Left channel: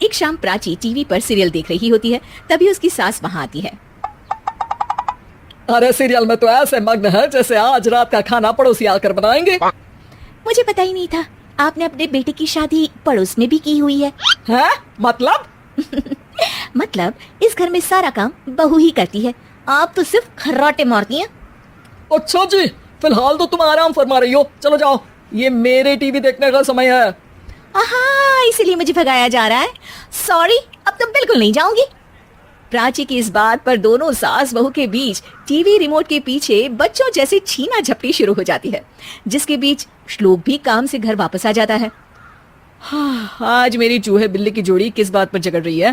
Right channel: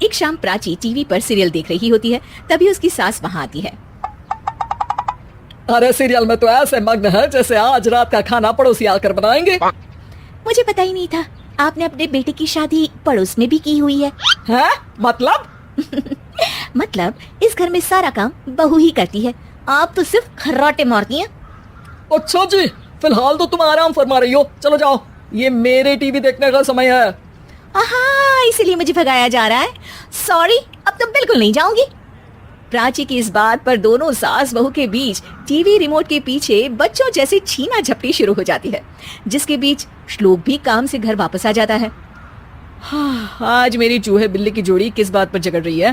एक शाम प्राची टीवी पर सीरियल देख रही होती है, तभी उसकी सास वहाँ आती है। अरे सीरियल में तो ऐसे मग्न है जैसे आज रात का खाना पड़ोसी आकर बनाएंगे। मुझे पता ही नहीं था आपने अपने बेटे की शादी पड़ोस में भी की हुई है। हैं? मतलब? मतलब इस घर में सारा काम बहू ही करती है, आप तो सिर्फ खर्राटे मारती हैं। अच्छा जी, फिलहाल तो तुम आराम फरमा रही हो, चलो जाओ, ये मेरे टीवी देखने का समय है। इसीलिए मुझे भगाया जा रहा है। सॉरी, अब तो बिल्कुल नहीं जाऊंगी। प्राची की इस बात पर दोनों सास बहू के बीच टीवी रिमोट के पीछे बच्चों जैसी छीना झपटी शुरू हो जाती है, जिसके बीच श्लोक भी काम से घर वापस आ जाता है। आज मेरी चूहे बिल्ली की जोड़ी किस बात पर झगड़ रही है?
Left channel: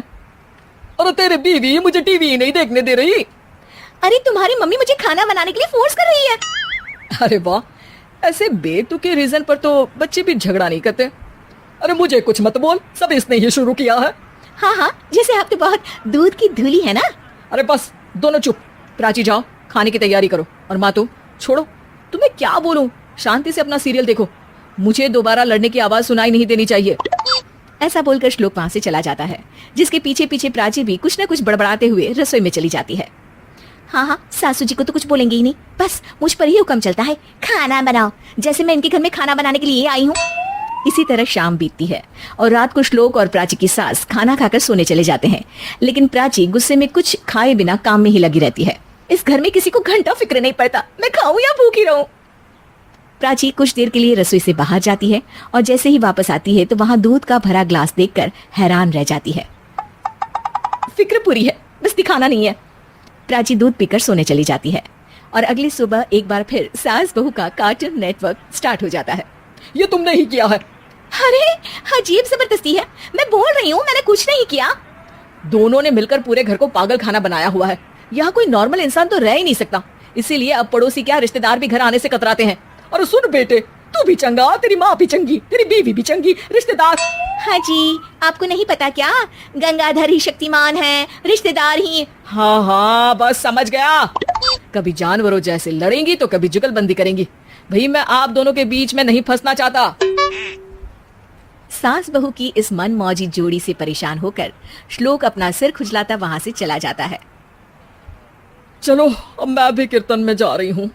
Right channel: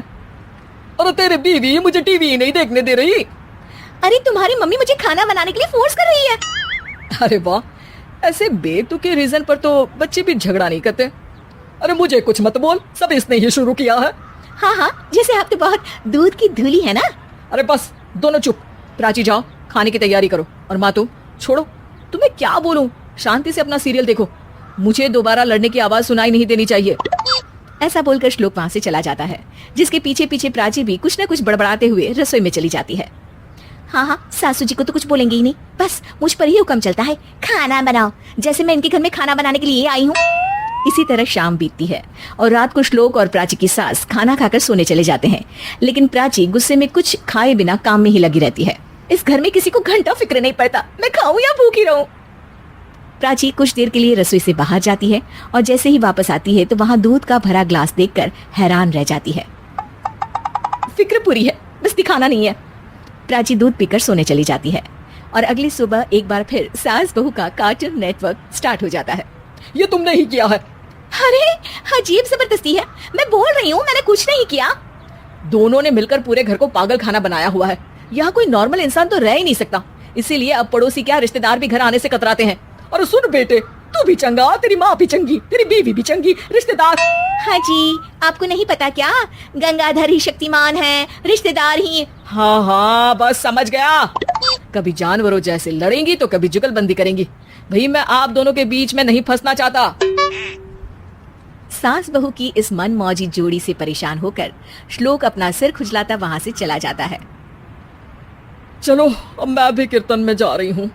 अरे तेरे बीवी मुझे टीवी ही नहीं देखने दे रही। अरे तुम्हारी मम्मी मुझे खाना बनाने के लिए फोर्स कर रही है। अरे वाह, ऐसे बेतुके रीजन पर तो बच्चे भी झगड़ा नहीं करते। अरे मुझे कुछ मत बोल, सब इसने ही शुरू किया है। हाँ, जैसे आप तो बहुत दूध की धूली है ना। अरे बस दोनों चुप। प्राची जाओ, खाने की तैयारी करो। और माँ तुम छोड़ो, तुम्हें क्या बोलूं, शांति से अपना सीरियल देखो, मुझे दोबारा लड़ने की आवाज सुनाई नहीं देनी चाहिए। ऐसा बोलकर श्लोक वहां से चला जाता है, जिसके पीछे पीछे प्राची भी कुछ न कुछ बड़बड़ाते हुए रसोई में चली जाती है। हाँ, सासू जी को तो कुछ बोलेंगे ही नहीं, बस मुझ पर ही हुक्म चलता है, खाना बनाओ, जैसे मैं इनके घर में खाना बनाने के लिए आई हूँ। इसी तरह शाम बीतती है और रात को श्लोक और प्राची की सास खाना खाकर सोने चले जाते हैं, लेकिन प्राची गुस्से में कुछ खाए बिना काम में ही लगी रहती है। इस घर में किसी को घंटा फिक्र नहीं पड़ता, मैं खाऊं या भूखी रहूं। प्राची कुछ देर के लिए रसोई से बाहर जाती है और जैसे ही वापस आती है तो वहाँ दूध का भरा ग्लास देखकर हैरान रह जाती है। फिक्र पूरी है, बस दिखाना नहीं है। प्राची दूध पीकर सोने चली जाती है और अगली सुबह एक बार फिर सास बहू का कार्टून नेटवर्क स्टार्ट हो जाता है। ये तुमने ही किया है। अरे अजीब जबरदस्ती है, मैं बोल रही हूँ मैंने कुछ नहीं किया। दोनों ने मिलकर पूरे घर को पागल खाना बनाया हुआ है। यहाँ कोई नॉर्मल इंसान तो रह ही नहीं सकता, इसीलिए अब पड़ोसी क्या रिश्तेदार भी घर आने से कतराते हैं। अरे सुन बेटे, तू भी चंगा, तेरी माँ भी चंगी, तेरी बीवी भी चंगी, रिश्तेदार। हाँ जी, आपको नहीं पता क्या, गंगाधर ही शक्तिमान है, रिश्तेदार ही। हाँ बस समझ गया। कभी जानवरों जैसे लड़ेंगी तो कभी जुगलबंदी करेंगी। भाई मैं आप दोनों के बीच में नहीं फंसना चाहता। सास बहू की इस मनमौजी जोड़ी से परेशान होकर श्लोक अपना सिर खुजलाता वहां से चला जाता है। चलो अब मैं भी कीर्तन में जा रही हूँ।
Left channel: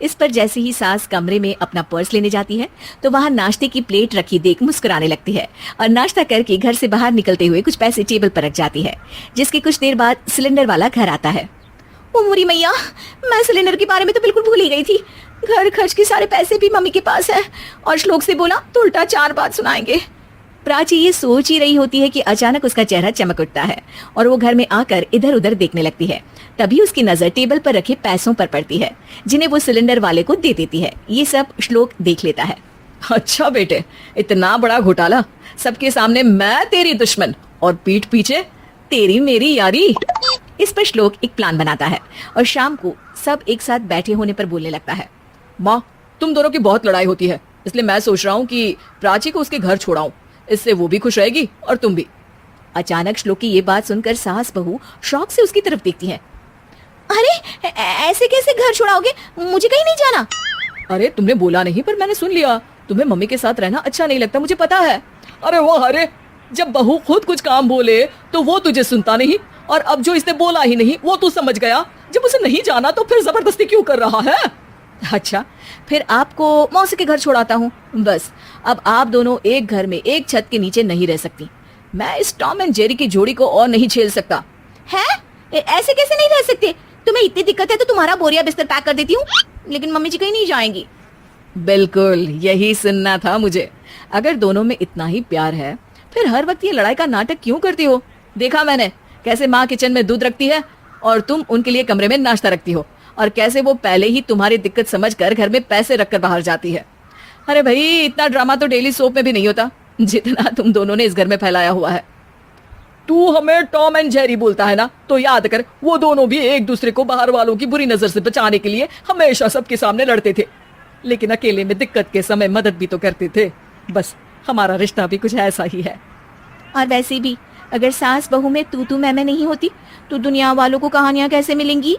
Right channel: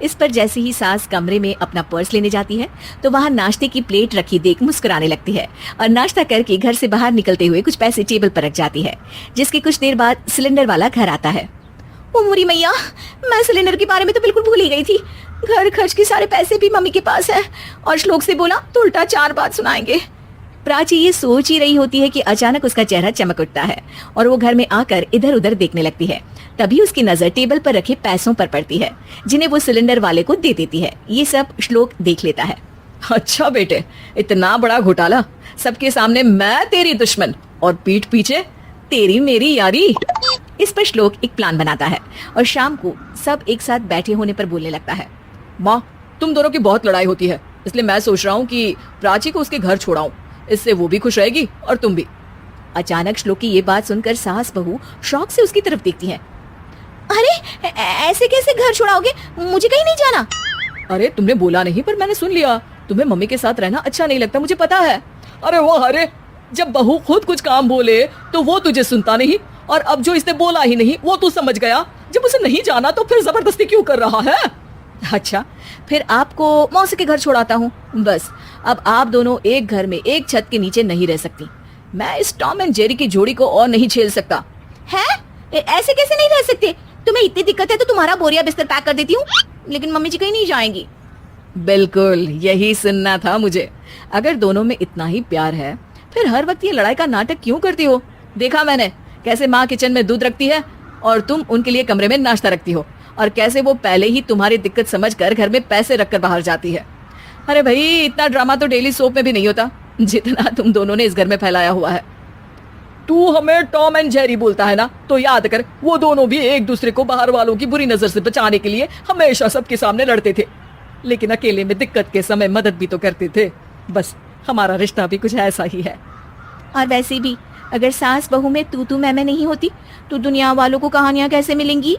इस पर जैसे ही सास कमरे में अपना पर्स लेने जाती है तो वहाँ नाश्ते की प्लेट रखी देख मुस्कुराने लगती है और नाश्ता करके घर से बाहर निकलते हुए कुछ पैसे टेबल पर रख जाती है, जिसके कुछ देर बाद सिलेंडर वाला घर आता है। ओ मोरी मैया, मैं सिलेंडर के बारे में तो बिल्कुल भूल ही गई थी। घर खर्च के सारे पैसे भी मम्मी के पास है और श्लोक से बोला तो उल्टा 4 बात सुनाएंगे। प्राची ये सोच ही रही होती है कि अचानक उसका चेहरा चमक उठता है और वो घर में आकर इधर उधर देखने लगती है। तभी उसकी नजर टेबल पर रखी पैसों पर पड़ती है, जिन्हें वो सिलेंडर वाले को दे देती है। ये सब श्लोक देख लेता है। अच्छा बेटे, इतना बड़ा घोटाला, सबके सामने मैं तेरी दुश्मन और पीठ पीछे तेरी मेरी यारी। इस पर श्लोक एक प्लान बनाता है और शाम को सब एक साथ बैठे होने पर बोलने लगता है। माँ, तुम दोनों की बहुत लड़ाई होती है, इसलिए मैं सोच रहा हूँ कि प्राची को उसके घर छोड़ाऊं, इससे वो भी खुश रहेगी और तुम भी। अचानक श्लोक की ये बात सुनकर सास बहू शौक से उसकी तरफ देखती हैं। अरे ऐसे कैसे घर छोड़ाओगे, मुझे कहीं नहीं जाना। अरे तुमने बोला नहीं पर मैंने सुन लिया, तुम्हें मम्मी के साथ रहना अच्छा नहीं लगता, मुझे पता है। अरे वो अरे, जब बहू खुद कुछ काम बोले तो वो तुझे सुनता नहीं, और अब जो इसने बोला ही नहीं वो तो समझ गया। जब उसे नहीं जाना तो फिर जबरदस्ती क्यों कर रहा है? अच्छा, फिर आपको मौसी के घर छोड़ाता हूँ। बस अब आप दोनों एक घर में एक छत के नीचे नहीं रह सकती। मैं इस टॉम एंड जेरी की जोड़ी को और नहीं झेल सकता। हैं? ऐसे कैसे नहीं रह सकते? तुम्हें इतनी दिक्कत है तो तुम्हारा बोरिया बिस्तर पैक कर देती हूँ, लेकिन मम्मी जी कहीं नहीं जाएंगी। बिल्कुल यही सुनना था मुझे। अगर दोनों में इतना ही प्यार है फिर हर वक्त ये लड़ाई का नाटक क्यों करते हो? देखा मैंने कैसे माँ किचन में दूध रखती है और तुम उनके लिए कमरे में नाश्ता रखती हो, और कैसे वो पहले ही तुम्हारी दिक्कत समझकर घर में पैसे रखकर बाहर जाती है। अरे भाई, इतना ड्रामा तो डेली सोप में भी नहीं होता जितना तुम दोनों ने इस घर में फैलाया हुआ है। तू हमें टॉम एंड जेरी बोलता है ना, तो याद कर वो दोनों भी एक दूसरे को बाहर वालों की बुरी नजर से बचाने के लिए हमेशा सबके सामने लड़ते थे, लेकिन अकेले में दिक्कत के समय मदद भी तो करते थे। बस हमारा रिश्ता भी कुछ ऐसा ही है। और वैसे भी अगर सास बहू में तू मैं नहीं होती तो दुनिया वालों को कहानियां कैसे मिलेंगी?